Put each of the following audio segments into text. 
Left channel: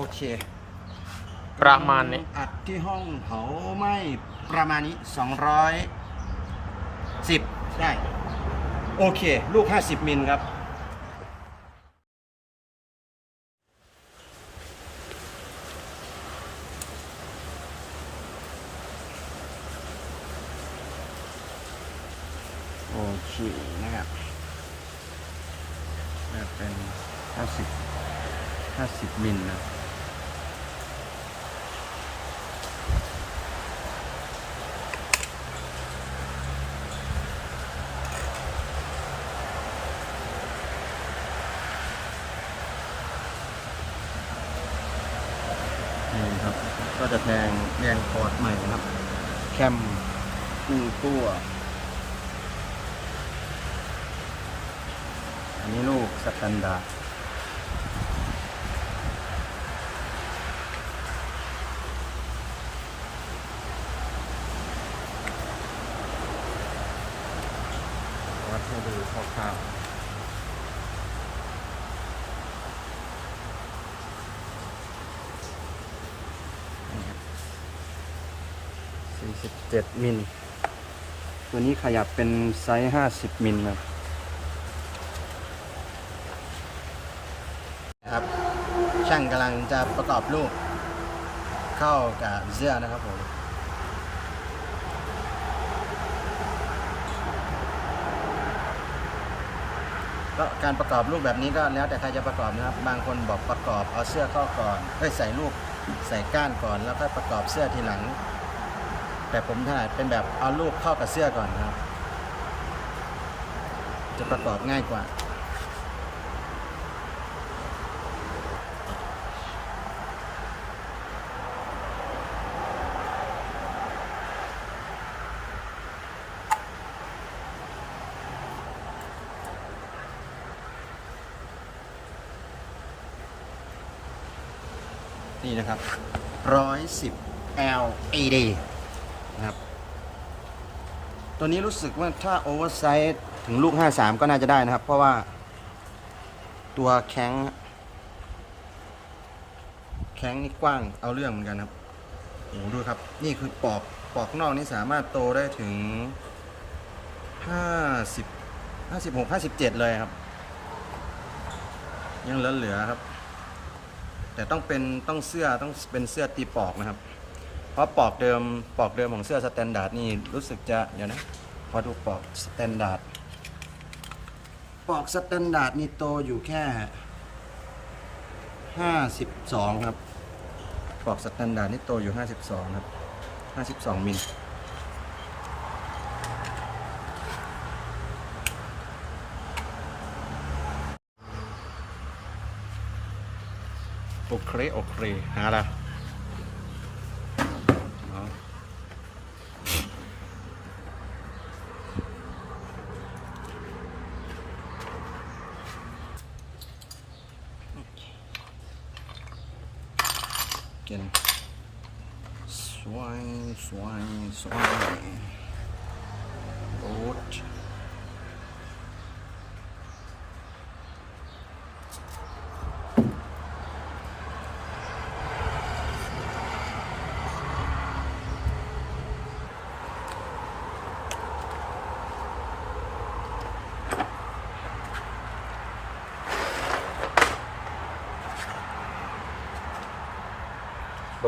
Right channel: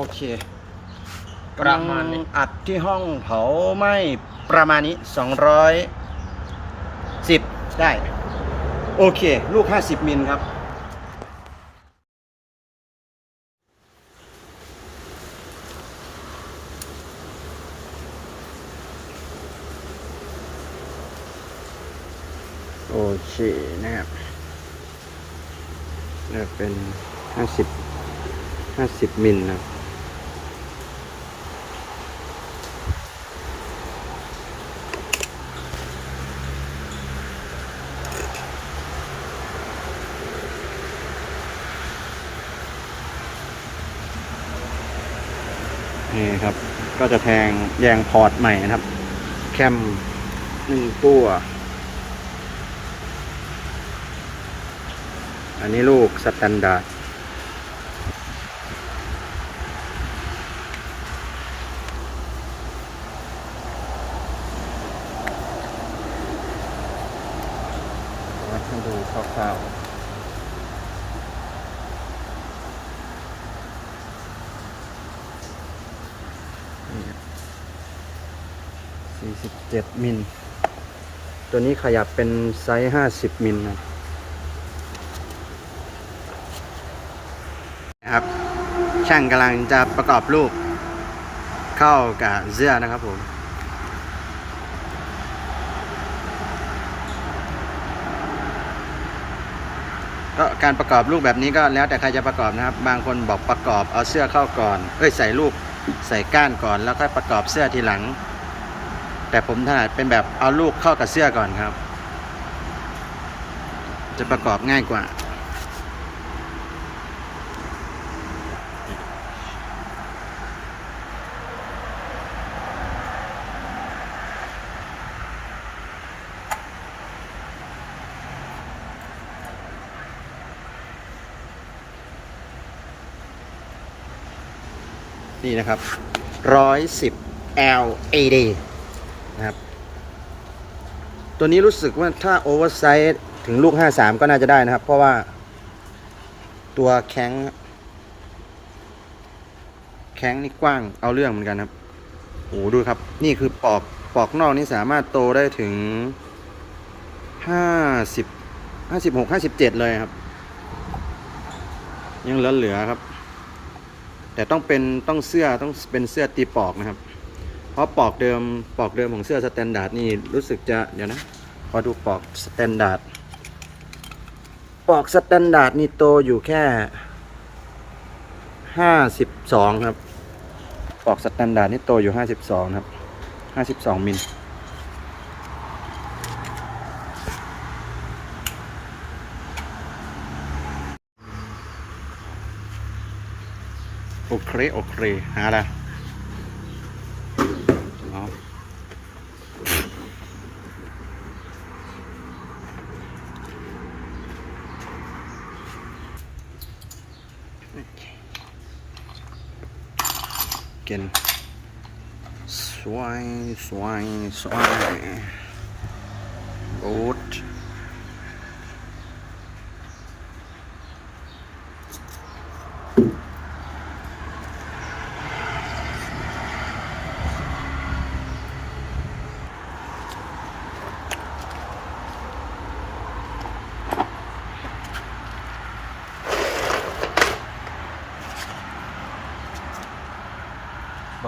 โอเคประมาณนี้กำลังอัดที่ห้องเผาไหม้ประมาณนี้210ได้ โอเค ลูก50มิลครับ โอเคนะครับจะเป็น50 50มิลนะ นี่ครับ ก็จะแทงแยงพอร์ตใหม่นะครับ แคมหนึ่งตัว อันนี้ลูกสแตนดาร์ดวัดให้ดูคร่าวๆนี่ครับ 47 มิล ตัวนี้ขยับเป็นไซส์ 50 มิลนะครับ ช่างกำลังจะประกอบลูกเข้ากับเสื้อนะครับผมก็การประกอบลูกแบบนี้ก็แล้วแต่ใครจะประกอบนะครับ บางคนบอกประกอบเอาเสื้อเข้าก่อน เอ้ยใส่ลูกใส่ก้านก่อนแล้วค่อยประกอบเสื้อทีหลัง แต่ผมถนัดเป็นแบบเอาลูกเข้ากับเสื้อก่อนครับ จะประกอบง่ายกว่า นี่นะครับร้อยสิบ LAD ตัวนี้รู้สึกว่าถ้าโอเวอร์ไซส์ถึงลูก 53 ก็น่าจะได้นะครับ เพราะว่าตัวแข้งแข้งนี่กว้างเอาเรื่องเหมือนกันครับโอ้หดูครับ นี่คือปอกปอกนอกนี่สามารถโตได้ถึง 50 56 57 เลยครับ ยังเหลือครับ แต่ต้องเป็นต้องเสื้อต้องเป็นเสื้อตีปอกนะครับ ราะปอกเดิมปอกเดิมของเสื้อสแตนดาร์ดนี่รู้สึกจะเดี๋ยวนะขอดูปอกสแตนดาร์ดปอกสแตนดาร์ดนี่โตอยู่แค่ห้าสิบสองครับ ปอกสแตนดาร์ดนี่โตอยู่ห้าสิบสองครับห้าสิบสองมิลโอเค โอเค หาละเอา กินสวย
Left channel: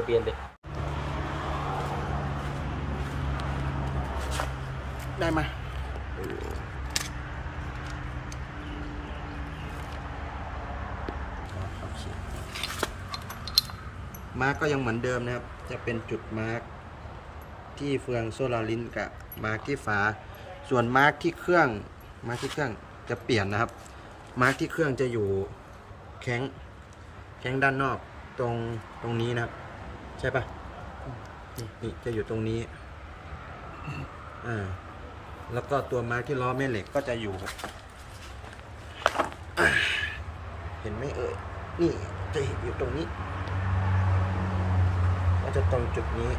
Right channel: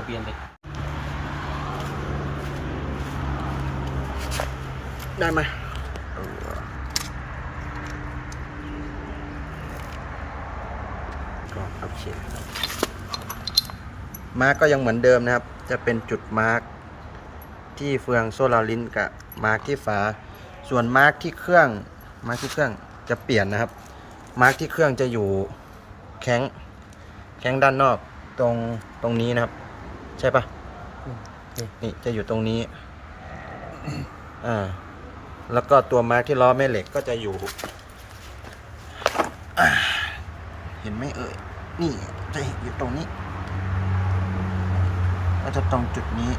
บูดบ่เปลี่ยนเด็กได้ไหมเออก็โอเคมาร์กก็ยังเหมือนเดิมนะครับ จะเป็นจุดมาร์กที่เฟืองโซลารินกับมาร์กที่ฝา ส่วนมาร์กที่เครื่องมาร์กที่เครื่องจะเปลี่ยนนะครับ มาร์กที่เครื่องจะอยู่แข้งแข้งด้านนอกตรงตรงนี้นะครับ ใช่ปะนี่นี่จะอยู่ตรงนี้ อ่า แล้วก็ตัวมาร์กที่ล้อแม่เหล็กก็จะอยู่อ่าเห็นไหมเอ่ย นี่จะอยู่ตรงนี้ก็จะตรงจุดนี้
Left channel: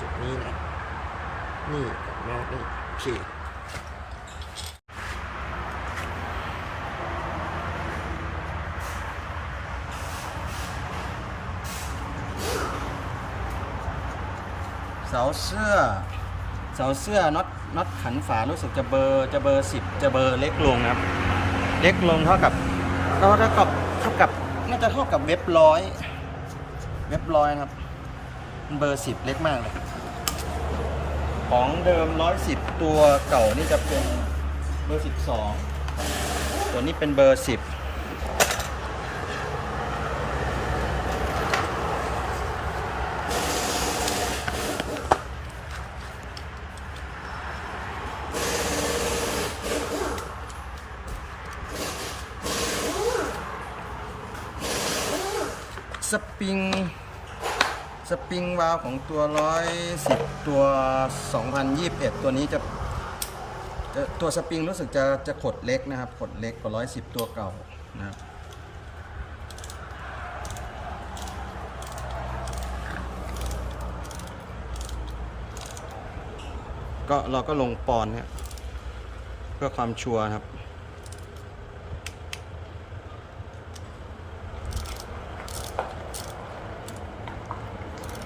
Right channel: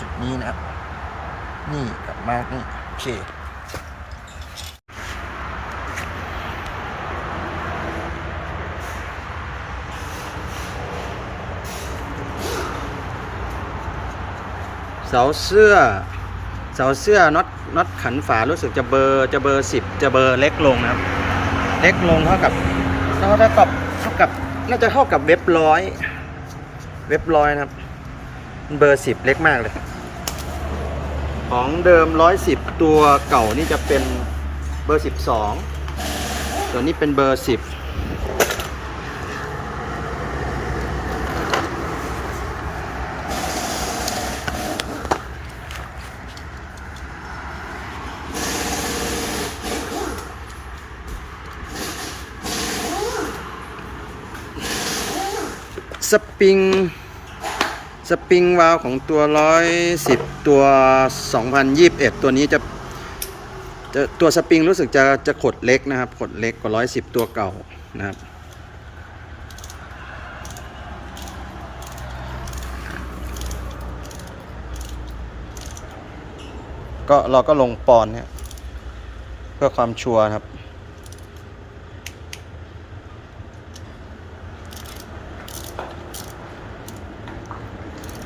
จุดนี้นะครับนี่กับมาร์กนี่โอเค เสาเสื้อ เสาเสื้อน็อตน็อตขันฝารู้สึกจะเบอร์จะเบอร์สิบจะเบอร์เล็กลงนะครับ เล็กลงเท่ากับเท่ากับเท่ากับน่าจะเท่ากับเว็บร้อยเว็บร้อยนะครับ เบอร์สิบเล็กมากเลย ของเดิมร้อยสิบตัวเก่านี่จะเป็นเบอร์สิบสองตัวนี้เป็นเบอร์สิบ สปริงสปริงวาล์วของตัว 110 ตัว 2021 ตัวนี้จะจะตัวสปริงรู้สึกจะจะขดเล็กนะครับ ขดเล็กกว่า 110 ตัวเก่านะครับ ก็เราก็ลงปอนเนี่ยเพื่อความชัวร์ครับ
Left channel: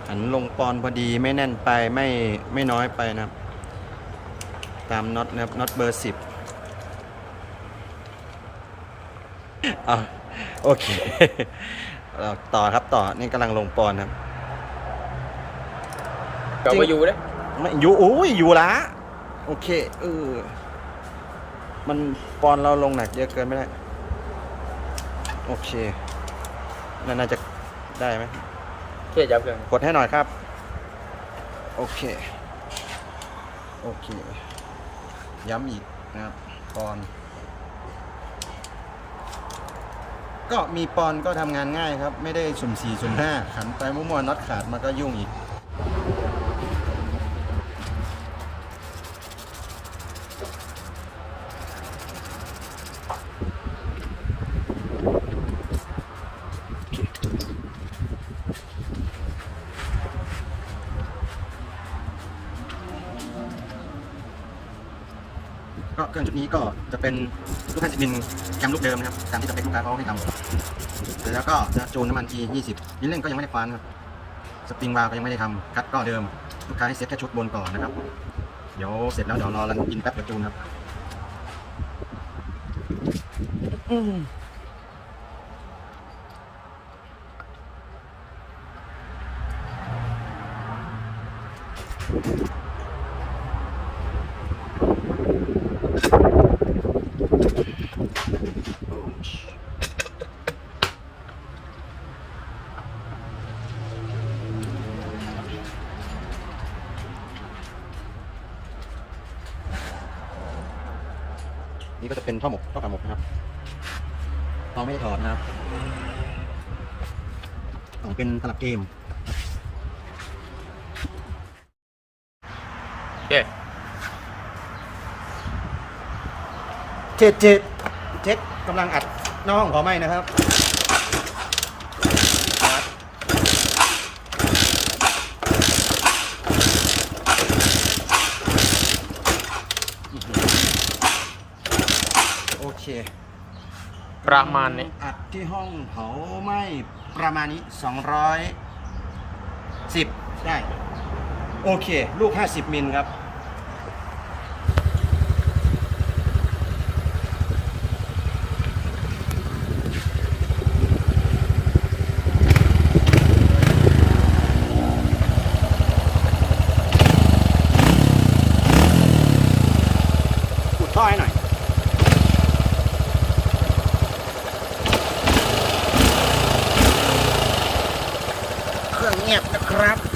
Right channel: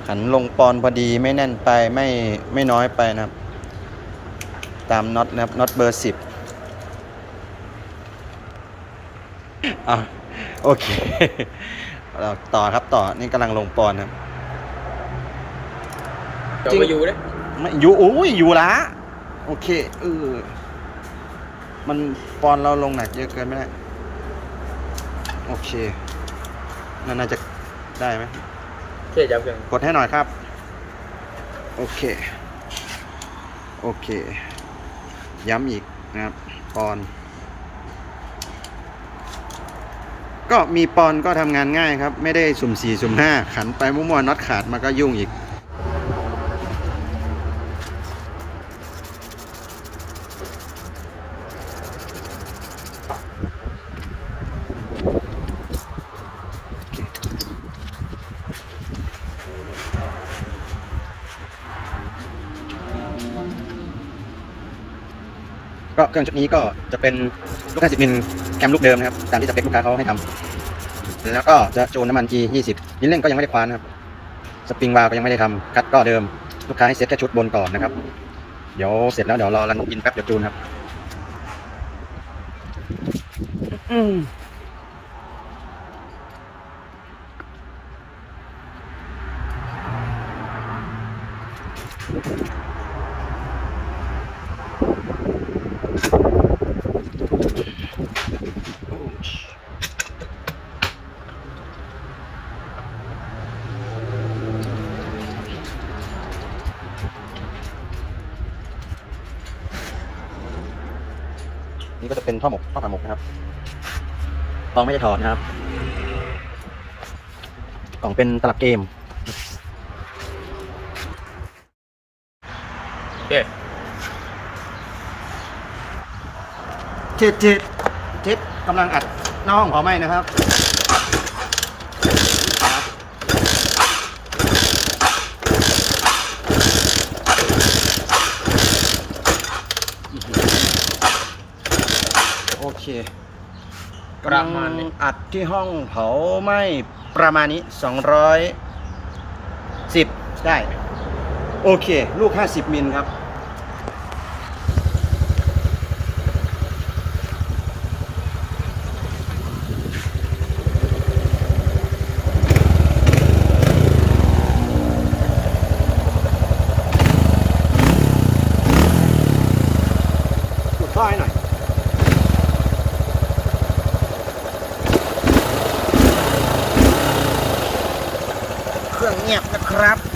หันลงปอนพอดีไม่แน่นไปไม่ไม่น้อยไปนะครับ ตามน็อตนะครับน็อตเบอร์สิบอะโอเค เราต่อครับต่อนี่กำลังลงปอนครับจริงเอามาอยู่เนี่ยไม่อยู่โอ้ยอยู่ละโอเคเออมันปอนเราลงหนักเยอะเกินไม่ได้ โอเคนั่นน่าจะได้ไหมเช่จับเองกดให้หน่อยครับ โอเค โอเค ย้ำอีกนะครับปอน ก็มีปอนก็ทำงานง่ายครับ ไม่ได้สุ่มสี่สุ่มห้าขันไปมั่วๆน็อตขาดมาก็ยุ่งอีก ก็เครื่องชุดนี้ก็จะเป็นลูกค้าสิบมิลแคมลูกเดิมนะครับ ตามที่สเปคลูกค้าเขาให้ทำแล้วก็จะจูนน้ำมัน G 20ลิ้นเร่งก็ยังไม่ได้คว้านครับ สปริงวาล์วก็ยังไม่ได้ทำคัดก็เดิม ลูกค้าให้เซ็ตแค่ชุดบนก่อนนะครับ เดี๋ยวเสร็จแล้วเดี๋ยวรอรันอินแป๊บเดี๋ยวจูนครับ นี่ก็จะเป็นท่อหมกท่อขาหมกนะครับกล่องไม่ได้ถอดนะครับกล่องเป็นตลับเกม เอ๊ะ เจ็ดเจ็ดเจ็ดกำลังอัดน้าห้องเผาไหม้นะครับโอเคประมาณนี้อัดที่ห้องเผาไหม้ประมาณนี้สองร้อยสิบได้ โอเค ลูก50มิลครับ อุดท่อให้หน่อย เครื่องเงี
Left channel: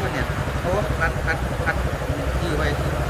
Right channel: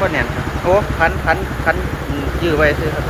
บ่แน่นครับ โอ้พันพันพันยื้อไว้ซื้อครับ